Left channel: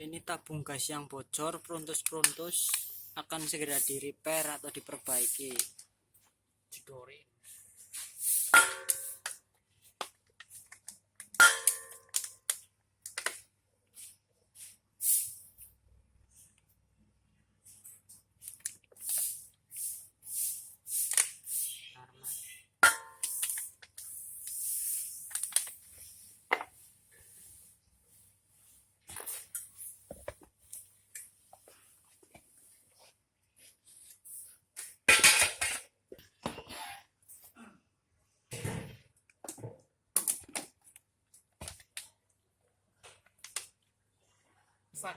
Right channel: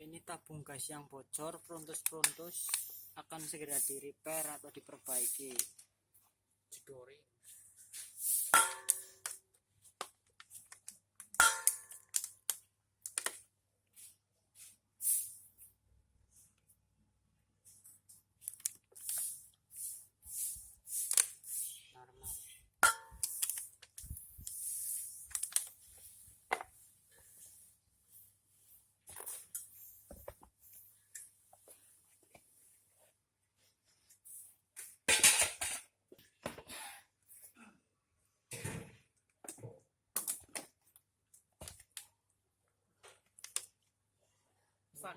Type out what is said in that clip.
Ini tabung gas yang bocor, pruntus-pruntus akan segera di repair atau diperbaiki. Didori. Fak